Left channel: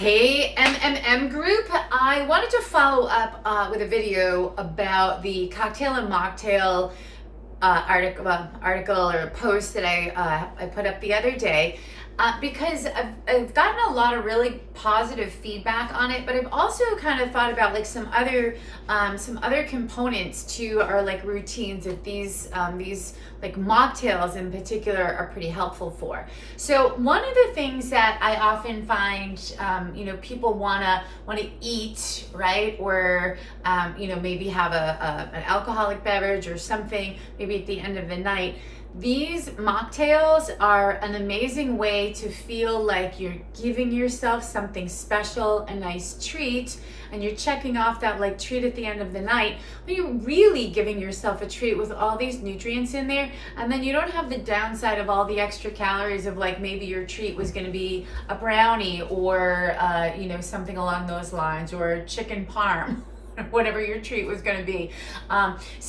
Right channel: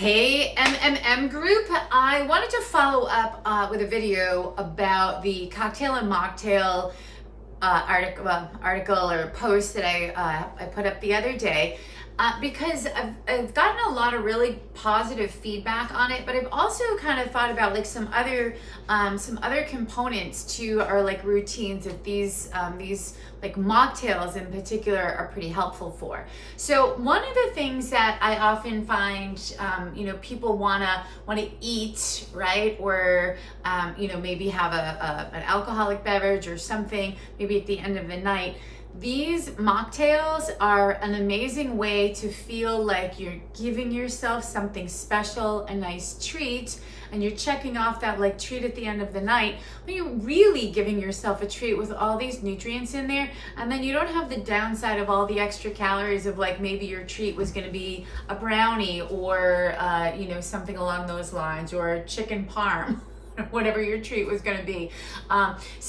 Hey MMM group, I wanted to follow up with a video about the cocktail and mocktail article or post that I put up the other day because I've gotten a lot of really positive feedback on it, but I've also kind of thought about like some other components to our like routines that these like mocktails in particular are pretty helpful for. So one of the things that I often find people wanna eat, right, or maybe have an alcoholic beverage or something maybe at the end of the night. These mocktails are an amazing way to feel like you're giving yourself something special, a nice treat, and you're checking off that like treat at the end of the night, but you're really giving yourself a treat with all these nutrients in there, and then you don't have the downside of all the extra calories of like maybe your treat was going to be a brownie or something along those lines, or chicken parm. Whatever your treat was going to be.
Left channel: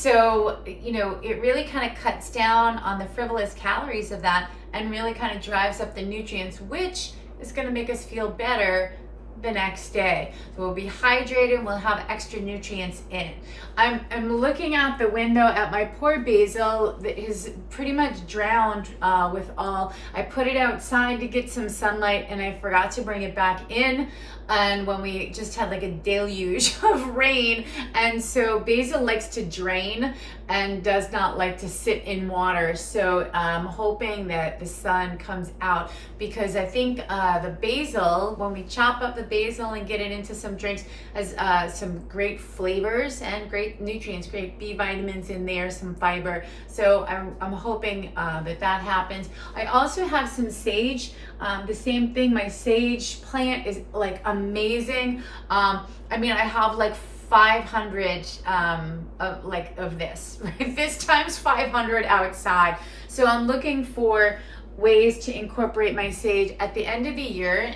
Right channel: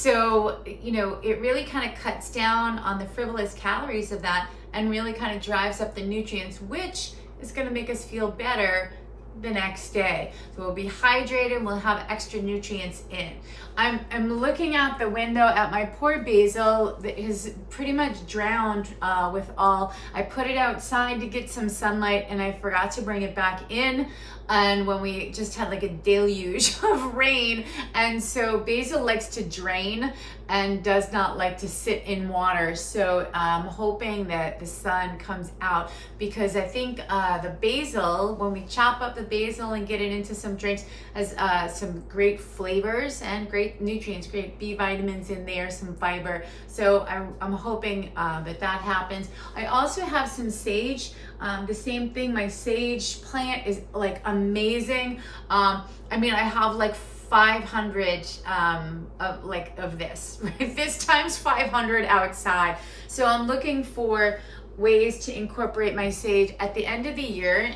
It really kind of cuts down on the frivolous calories of that and really kind of drives up the nutrients, which is going to make us feel better the next day. So we'll be hydrated, we'll have extra nutrients in. I'm looking out the window at my poor basil that is pretty much drowned with all. I put it outside to get some sunlight and I forgot to bring it back in, and when we just had like a deluge of rain, and so basil likes to drain and does not like to sit in water. So I'm hoping that the sun comes out, because I think the basil, when we chop up the basil and get it into some drinks, has some great flavors and great nutrients, great B vitamins in there, some fiber. So I'm hoping that happens. I also have some sage. The same thing, my sage plant is like amazing. I have like 500 of this, right? This times 500 outside. So I'm looking for ways to incorporate my sage at the end of the year.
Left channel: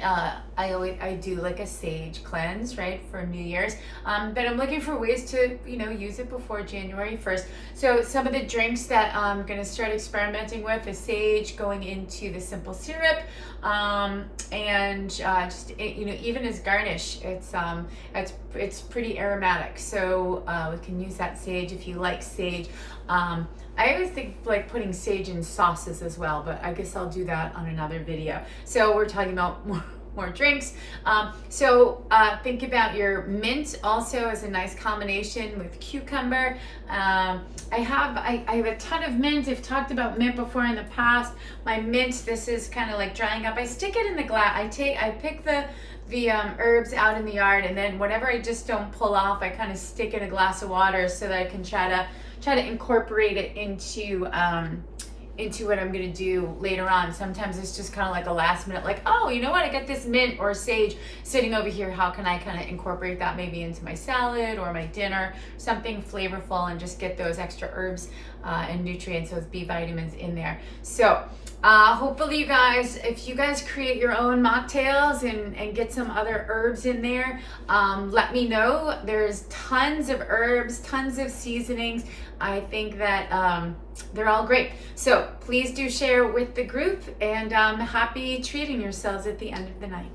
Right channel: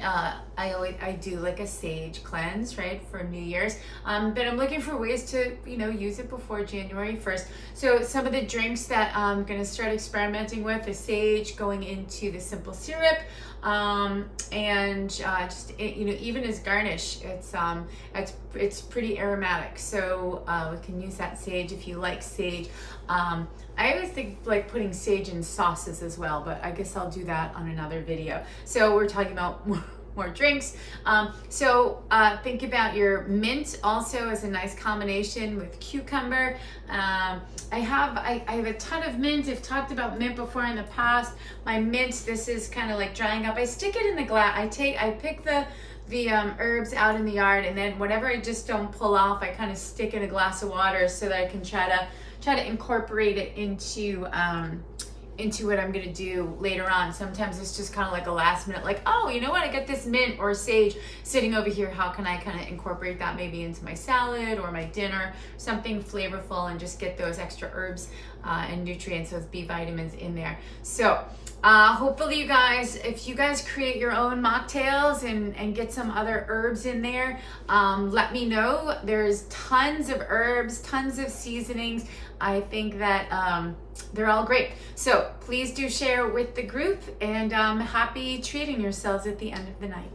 I do like a sage cleanse, right, for New Year's, but I'm looking for ways to use it before January 1st. So some of the drinks that I'm going to start experimenting with is sage going into the simple syrup, and just even as garnish. It's pretty aromatic, so we can use that sage if you like sage. I always think like putting sage in sauces as well, but I guess I'll do that on another video. So we're talking about more drinks. Think about your mint also as a nice combination with cucumber. I have a ton of mint. I've talked about mint before in the past. My mint, this is kind of like drying up. I stick it in the glass. I pick the herbs out in the yard, and then whatever I just don't pull off, I kind of stick in a glass of water so that I can try to incorporate it into what I'm gonna do later on. Sometimes it's just kind of like a last minute, like, oh, you know what, I got this mint or sage sitting over here, how can I kind of incorporate that maybe into my salad or my dinner, something flavorful, and just get those extra herbs and nutrients, those B vitamins in there. So hopefully you guys, if you guys create your own mocktails and get some other herbs in there, let me know. There's tons of herbs, tons of seasonings. I think that they're all great. So please do share with the group, and happy treating yourselves at the end of the night.